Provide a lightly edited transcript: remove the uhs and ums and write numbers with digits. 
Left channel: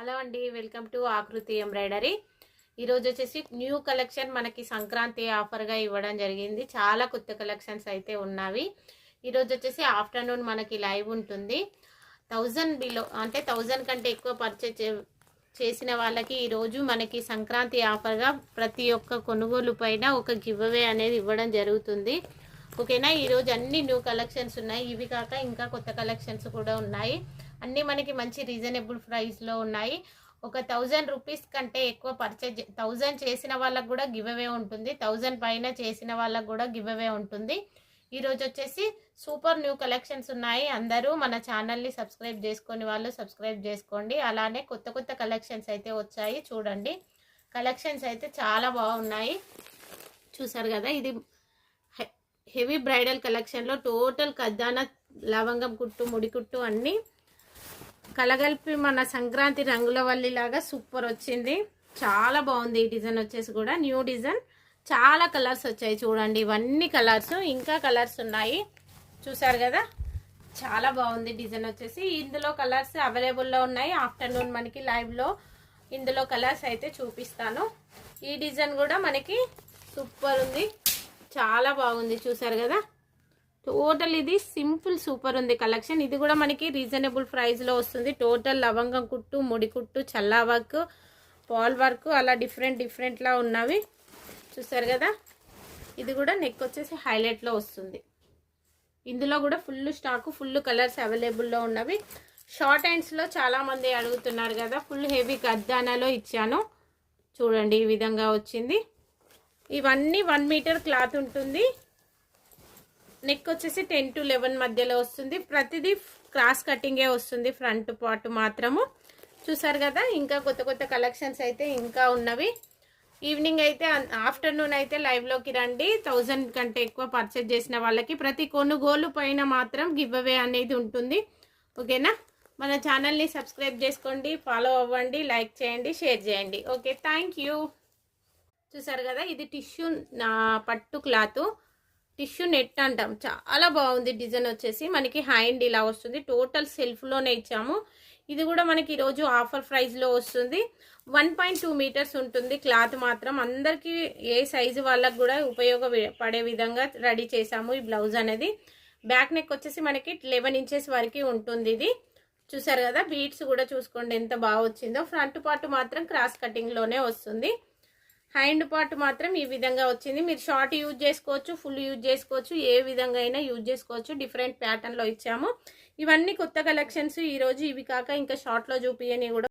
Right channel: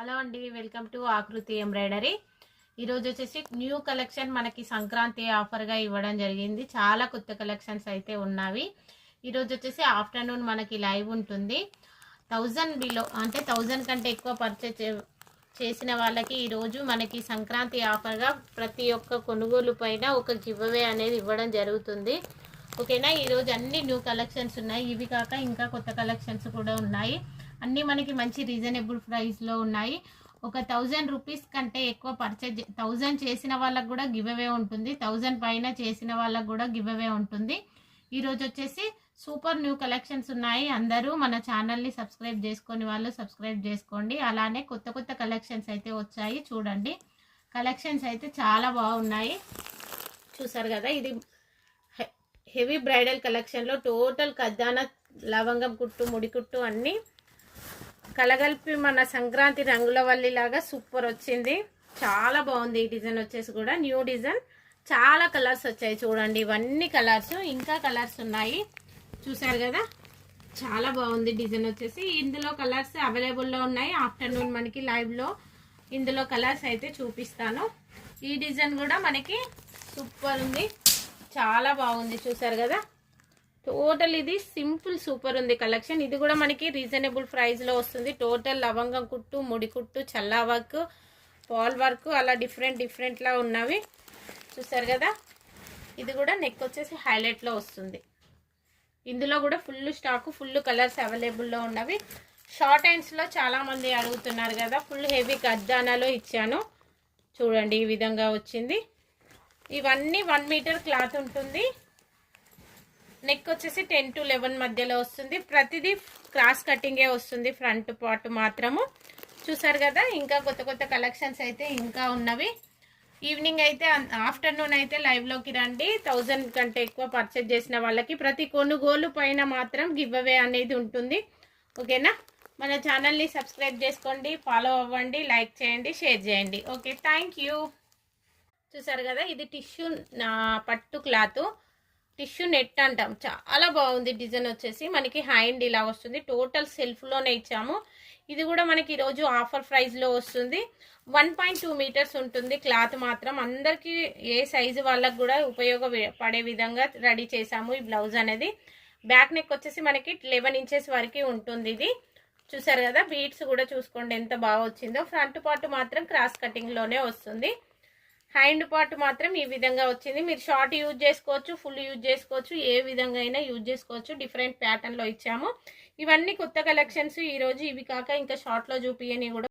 Hello అండి, welcome to ఆకృతి embroidery. ఈరోజు వచ్చేసి న్యూ కలెక్షన్ మనకి సంక్రాంతి ఆఫర్గా ఇవ్వడం జరిగింది. చాలా కొత్త కలెక్షన్స్ అయితే ఉన్నవి. ఈరోజు వచ్చేసి ఆఫ్టర్నూన్ మనకి లైవ్ ఉంటుంది. 1000 బిలో అంటే 1000 కంటే ఎక్కువ పర్చేజ్ చేసిన వాళ్ళకి ఈరోజు మనకి సంక్రాంతి ఆఫర్గా ప్రతి ఒక్క కొనుగోలు పైన ఒక గివ్ అవే అనేది ఇవ్వడం జరుగుతుంది. ఓకేనా. ఈరోజు అన్ని న్యూ కలెక్షన్స్ ఉన్నాయి. ఇవి కాక ఇంకా కొత్త కలెక్షన్స్ కూడా ఉన్నాయి. అన్నీ మనకి మంచి రీజనబుల్ ప్రైస్లో ఉన్నాయి. ఒక 1000 రూపీస్ కంటే ఎక్కువ పర్చేజ్ 1000 చేసిన వాళ్ళకు కూడా గివ్ అవే ఉంటుంది. 1000 పైన చేసిన వాళ్ళకు కూడా గివ్ అవే ఉంటుంది. ఈరోజు వచ్చేసి సూపర్ న్యూ కలెక్షన్స్ ఉన్నాయి. అందరూ మన ఛానల్ని సబ్స్క్రైబ్ చేసుకొని వాళ్ళు సబ్స్క్రైబ్ చేసుకోండి. అలానే కొత్త కొత్త కలెక్షన్స్ అయితే వచ్చాయి. చూడండి, కలెక్షన్స్ అయితే చాలా బాగున్నాయి. చూసారు కదా, ఇది హెవీ బ్రైడల్ కలెక్షన్లో టోటల్ ఖజానా, లవంగం కుట్టు, ముడి కుట్టు అన్నీ కలగలిపి మన సంక్రాంతి రంగుల వల్లి లాగా సూపర్ వచ్చింది. చాలా బాగుంది. ఈ డిజైన్ వచ్చేసి కూడా న్యూ డిజైన్. చాలా కలర్స్ వచ్చాయి. చూడండి, ఇవన్నీ కలర్స్, ఇంకా కలర్స్ ఉన్నాయి. చూసారు కదా, చాలా బాగుంది డిజైన్ వచ్చేసి. ఇందులో కలర్స్ అవైలబుల్లో ఉన్నాయి. ఆఫ్టర్నూన్ మనకి లైవ్లో ఇందులో కలర్స్ అయితే చూపిస్తాను. ఈ డిజైన్ కూడా మనకి సూపర్ ఉంది, చాలా బాగుంది. చూసారు కదా, టోటల్ ఇది సింపుల్ సూపర్ ఉంది కలెక్షన్. ఇది కూడా మనకి రీజనబుల్ ప్రైస్లో వస్తుంది. టోటల్ లవంగం కుట్టు, ముడి కుట్టు, చల్లా వర్క్, పాల్ వర్క్ అలా డిఫరెంట్లా ఉన్నవి. చూసారు కదా, ఇది కూడా నెక్ వచ్చేసి హైలైట్లో వస్తుంది. ఇందులో కూడా ఫుల్ స్టాక్, ఫుల్ కలర్స్ అవైలబుల్లో ఉన్నవి. షార్ట్ హ్యాండ్స్లో చాలామంది అడుగుతున్నారు కదా, ఫుల్ హెవీ ఖజానాలో ఇచ్చాను. చూడండి, ఈ విధంగా వచ్చింది. ఇవన్నీ 1 మీటర్ క్లాత్ ఉంటుంది. నెక్ వచ్చేసి 10 to 11 మధ్యలో వస్తుంది. ప్రతిదీ క్రాస్ కటింగే వస్తుంది, ఫ్రంట్ పార్ట్ మాత్రము. చూసారు కదా, ఇంకా కొత్త కొత్త కలెక్షన్స్ అయితే ఇంకా ఉన్నవి. ఈవినింగ్ అయితే ఆఫ్టర్నూన్ అయితే లైవ్లోకి రండి. 1000 కంటే ఎక్కువ పర్చేజ్ చేసిన వాళ్ళకి ప్రతి కొనుగోలు పైన మాత్రం గివ్ అవే అనేది ఉంటుంది. ఓకేనా. మన ఛానల్ని సబ్స్క్రైబ్ చేసుకోండి, ఫాలో అవ్వండి, లైక్ చేయండి, షేర్ చేయండి. Okay, thank you. చూసారు కదా, ఇది టిష్యూ పట్టు క్లాత్, టిష్యూ నెట్ అంటాం. చాలా బాగుంది డిజైన్ వచ్చేసి. మనకి హ్యాండ్ ఇలా వస్తుంది. టోటల్ సెల్ఫ్లోనే ఇచ్చాము. ఇది కూడా మనకి ఈరోజు ఆఫర్ ప్రైస్లో వస్తుంది. 1.2 మీటర్స్ ఉంటుంది క్లాత్ మాత్రం. అందరికీ ఏ సైజు వాళ్ళకు కూడా ఉపయోగపడే విధంగా రెడీ చేసాము ఈ బ్లౌజ్ అనేది. బ్యాక్ నెక్ వచ్చేసి మనకి 11 ఇంచెస్ వరకు ఉంటుంది ఇది. చూసారు కదా, బీడ్స్ కూడా చూసుకోండి ఎంత బాగా వచ్చిందో. ఫ్రంట్ పార్ట్ మాత్రం క్రాస్ కటింగ్లోనే వస్తుంది. హ్యాండ్ పార్ట్ మాత్రం ఈ విధంగా వచ్చింది. మీరు షార్ట్ యూజ్ చేసుకోవచ్చు, ఫుల్ యూజ్ చేసుకోవచ్చు, ఏ విధంగా అయినా యూజ్ చేసుకోవచ్చు. డిఫరెంట్ ప్యాటర్న్లో ఇచ్చాము. ఇవన్నీ కొత్త కలెక్షన్స్ ఈరోజు. ఇవి కాక ఇంకా షార్ట్లో చూపియని కూడా